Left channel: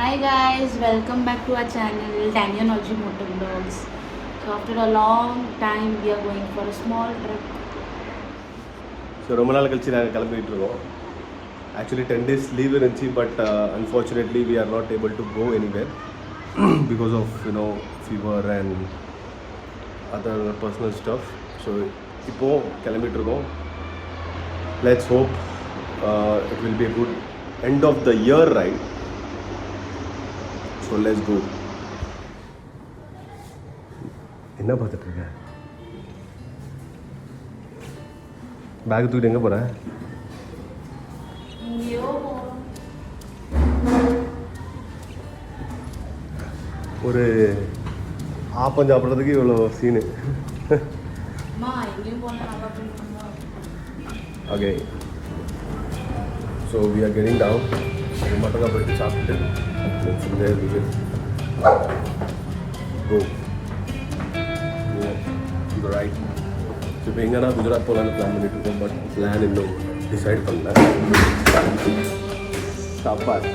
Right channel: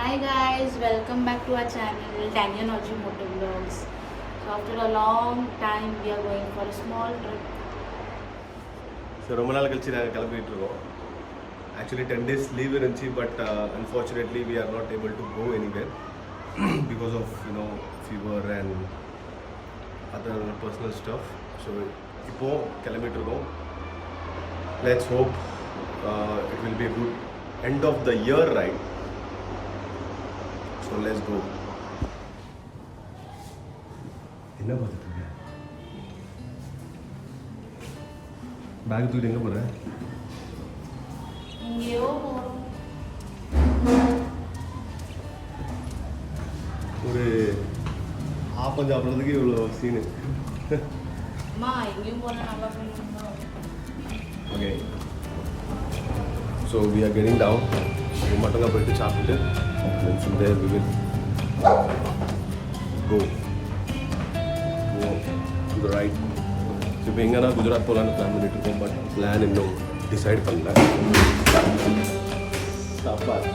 Hi guys, welcome back to our channel Danianology Motor Vlogs. So after a long time we are going for a small trip. So ரொம்ப நாள் கழிச்சு நாங்கள் கிளம்பிட்டு இருக்கோம். Actually 10 days leave இருந்துச்சு, but unfortunately we are not able to go anywhere because of fever and other personal stuff. So இப்போ கிளம்பிட்டு இருக்கோம். Let's hope it will be a good end of the year ride. So let's go. என்ன பார்த்துட்டு இருக்க? பேக் தூக்கிட்டு எங்கே போகிற? ஒரு ஆப்பம் சாப்பிட்றதுக்கு இவ்வளோ scene. Okay, so we are getting down. மட்டும் தான் போயிட்டு சாப்பிட்டு from there we will go to the right. இப்போ எங்கன்னா குஜராத் போகலான்னு பிளான் பண்ணிட்டு இருக்கோம், பட் பிளான் இன்னும் டிசைட் பண்ணல. சாப்பாடு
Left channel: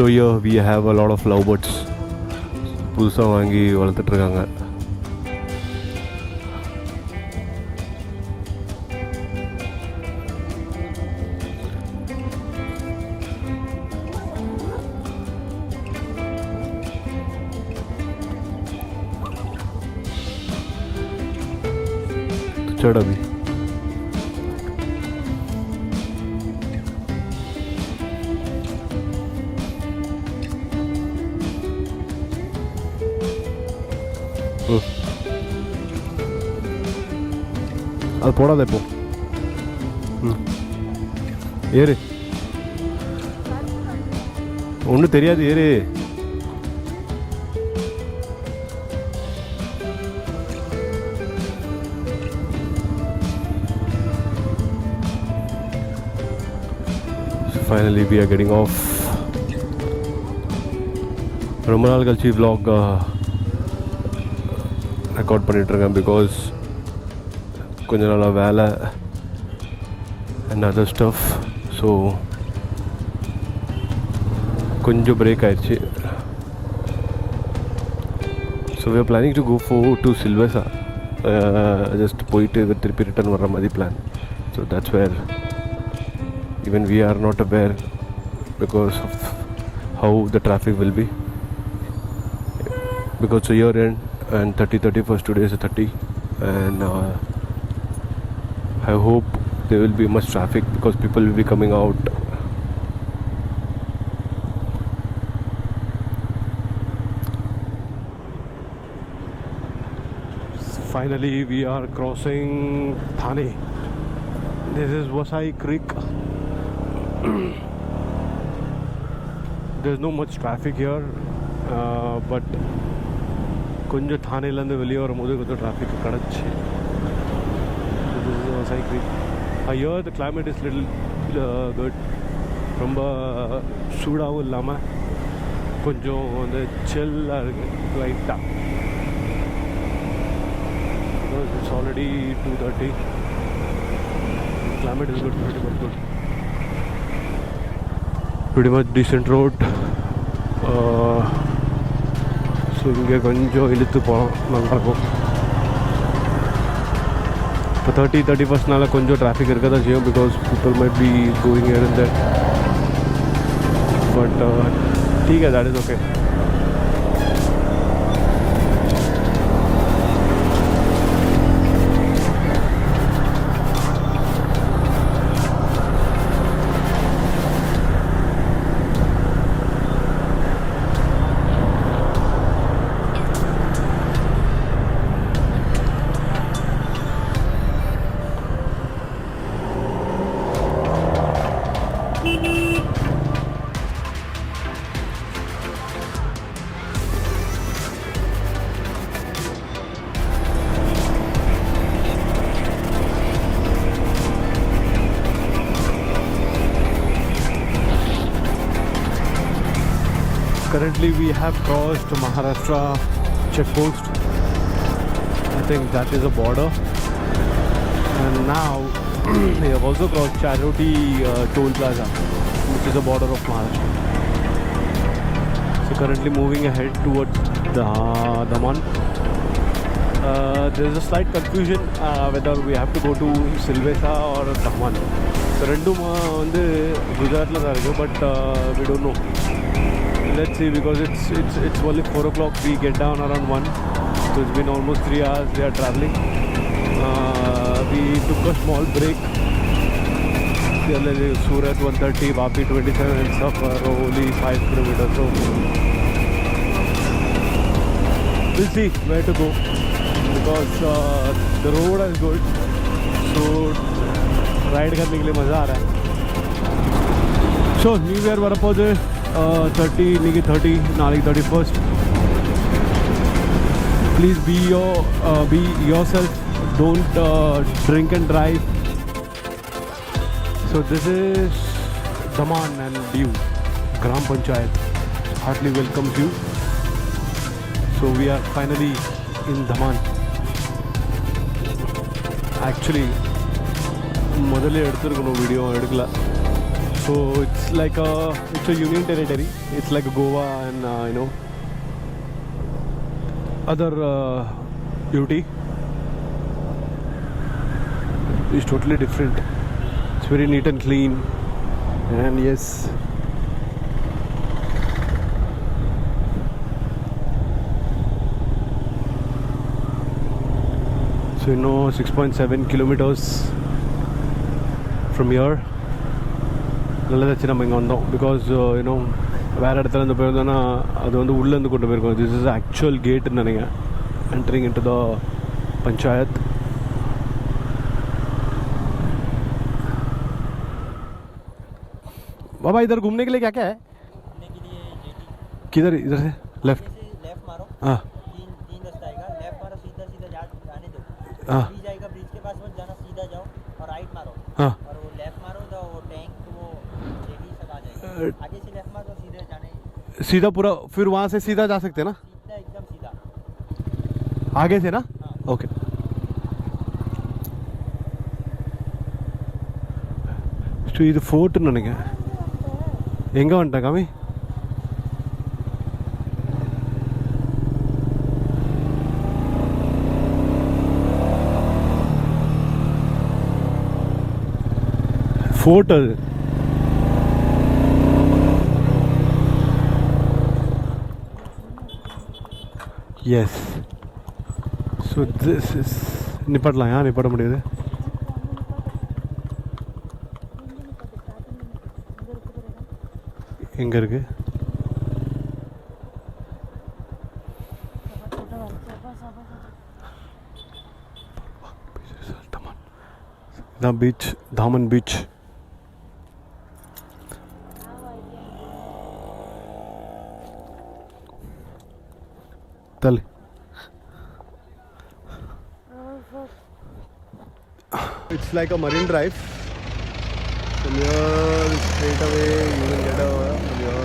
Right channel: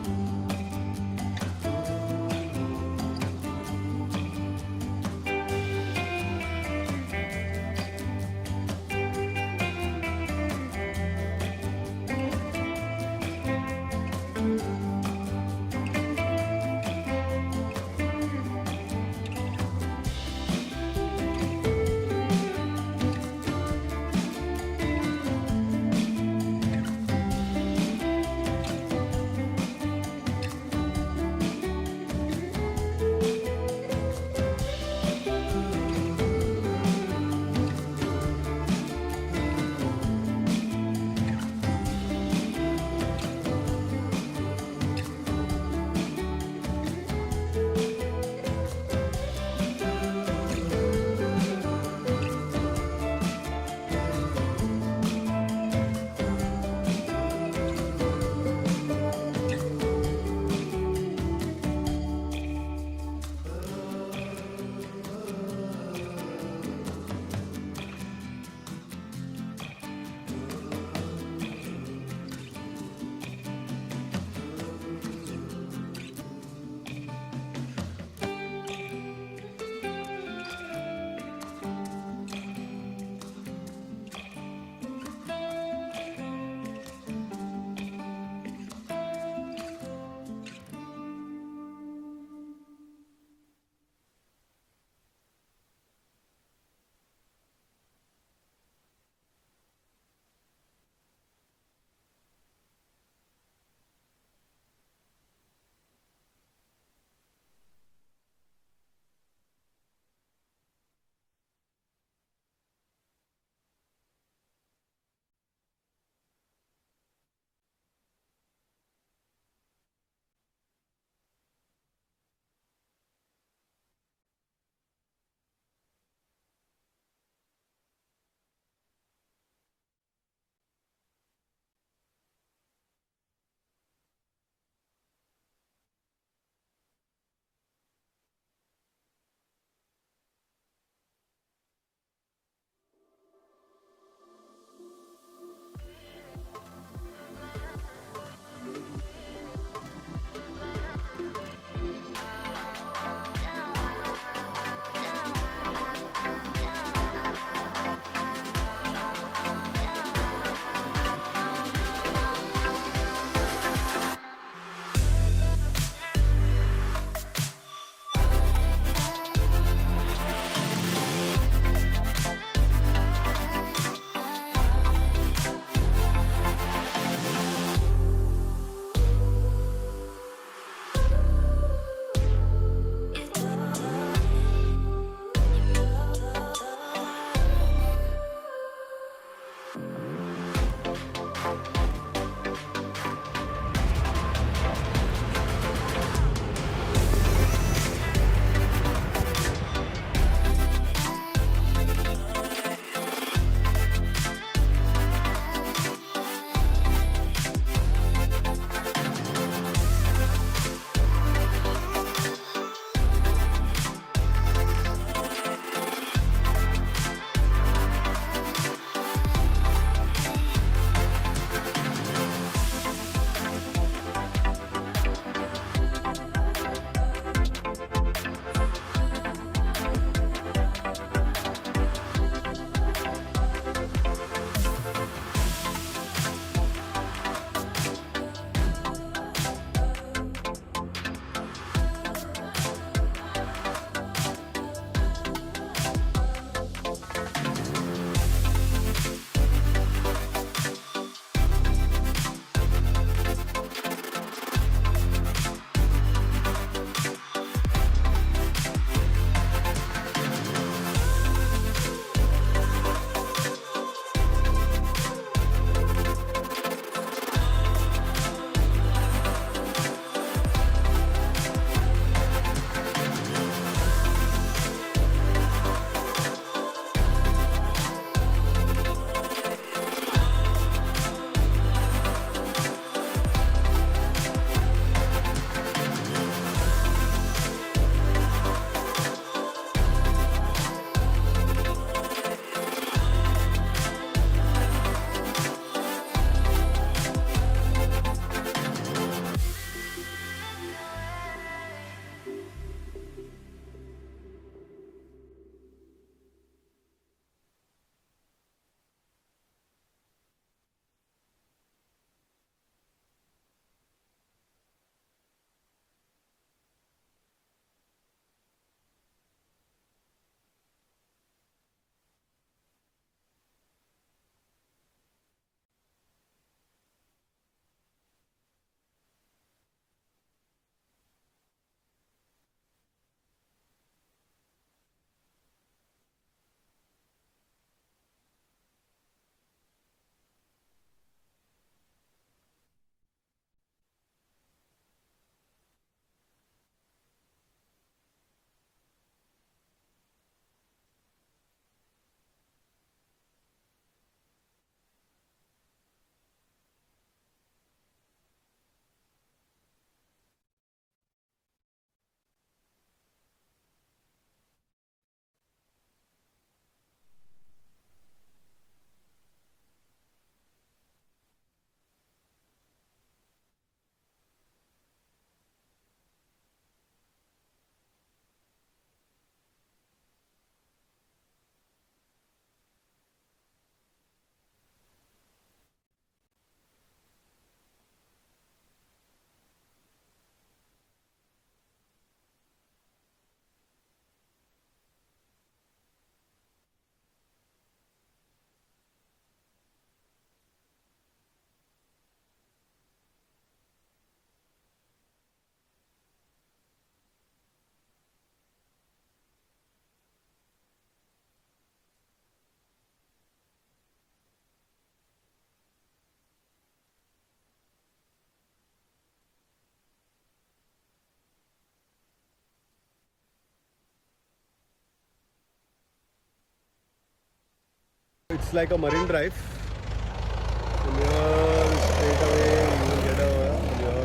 So here we have a lot of lovebirds. புதுசாக வாங்கி வளர்த்துட்ருக்காங்க. சடம் அது போடாத. இப்போ ஏறு, ஒன்றும் தெரியாது, ஏறு. Finally we are getting off. ரொம்ப நாள் கழிச்சு vlog ரெக்கார்ட் பண்ணிகிட்ருக்கேன் பிகாஸ் கொஞ்ச நாளாக வேலை அண்ட் அதர் ஸ்டஃப். ஸோ கொஞ்சம் பிரேக் ஆயிடுச்சு. So we are planning to go to Silvassa, just போயிட்டு திருப்பி ரிட்டர்ன் வர்ற மாதிரி plan. So that's where even we are not aware because of how the traffic will be, because it's a year end and 31st today is 30, and I hope there will be much traffic because people will be coming out. Finally we are crossing Thane. This is Vasai Creek. There's no much traffic here, but கொஞ்சம் தானேலேருந்து வெளியே வரும்போது கொஞ்சம் டிராஃபிக் கிடச்சி. Vasai Creek. Here the climate is little good. ரொம்ப சூடாகவும் இல்லாமல் கொஞ்சம் வந்து சில்லாக இருக்குது லைட்டாக. It's already 2:30. Climate is good, pretty much good. Pretty much decent road. So இங்கே கொஞ்சம் இழுத்து போகிறோம், நல்லாயிருக்கும். இப்போ 31st கொஞ்சம் டிராஃபிக் இருக்க தான் செய்யும் because people might be going here and there, but ठीक है, that is okay. currently we have crossed the Maharashtra checkpost. I think that is a border. And now we have also crossed Casualty Toll Plaza, which is the border of Maharashtra. So currently moving ahead towards the Daman. There is a slight confusion whether we have to go to Silvesa or Daman. The Renduma on the Gujarat, but we don't know. Let's see, because it's only 4 o'clock. We get down around 1. So it's been almost 3 hours we are traveling. We took a small break. Surat 130, Vapi 27 and stuff are only 5 kilometers. So we'll see where to go, because the road is good. So ride करने के लिए मज़ा आ रहा है. So New Year बरपोजे 30 निकी 30 नाली 31st. Please be yourself. Don't drink and drive. So this is Daman and Diu Gram Panchayat. Heartily welcome you. So we are finally in Daman. Actually, ಮೊದಲೇ எடுத்துருக்கோம் video எடுக்கல. So it's a union territory. It's like Goa and other UT. It's totally different. It's very neat and clean. And yes, so 6.7 kilometers from here. நல்லதாச்சு நம்ம இங்கே வந்தோம். பிகாஸ் வேறு இடத்துல இருந்து போயிருந்தோன்னா அது வந்து உள்ளேருந்து கொண்டு போயிருக்கோம். திஸ் இஸ் ஆக்சுவல் கேட்டுன்னு நினைக்கிறேன், entering into the panchayat. बाबा इधर घूमने के लिए क्या क्या है? घूमने के लिए किधर? इधर से लेफ्ट मारो. हाँ तीन रास्ता आएगा. लेफ्ट मारो, सीधा जाने दो. हाँ ब्रिज आएगा, ब्रिज के पास मत जाना, सीधा जाओ और राइट मारो. हाँ और वो लेफ्ट मारो तो वो टैंक वो जेटी सब आ जाएगा. आगे से लेफ्ट मारो, सीधे जाने. सीधा पूरा, फिर वहाँ से सीधा जा सकते हैं ना? सीधा एकदम सीधा आगे से ना? हाँ. ओके. ஸோ இது ஃபோர்ட்டுன்னு நினைக்கிறேன். எங்கே வந்துட்டேன் காமி? ஃபோர்ட் அது. எஸ். ஸோ திஸ் இஸ் நிப்பாட்டலாம். ஏன் நிப்பாட்ட முடியாது? எங்கே இருக்கு? இதான் பீச், தாமன் பீச். தள்ளு. It's like a marine drive. From here, straight away, you will get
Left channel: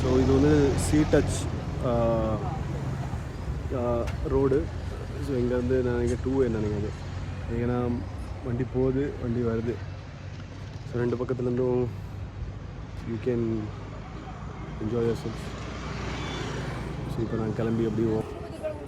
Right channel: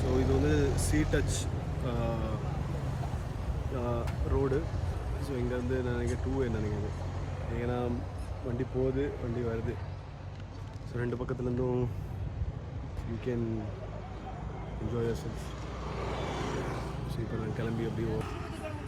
so இது வந்து சீ டச் ரோடு. ஸோ இங்கேருந்து நான் நினைக்கிறேன் 2 நினைக்கிறது. ஏன்னா வண்டி போகுது, வண்டி வருது. ஸோ 2 பக்கத்துலேருந்தும் you can enjoy yourself. So இப்போ நான் கிளம்பி அப்படியே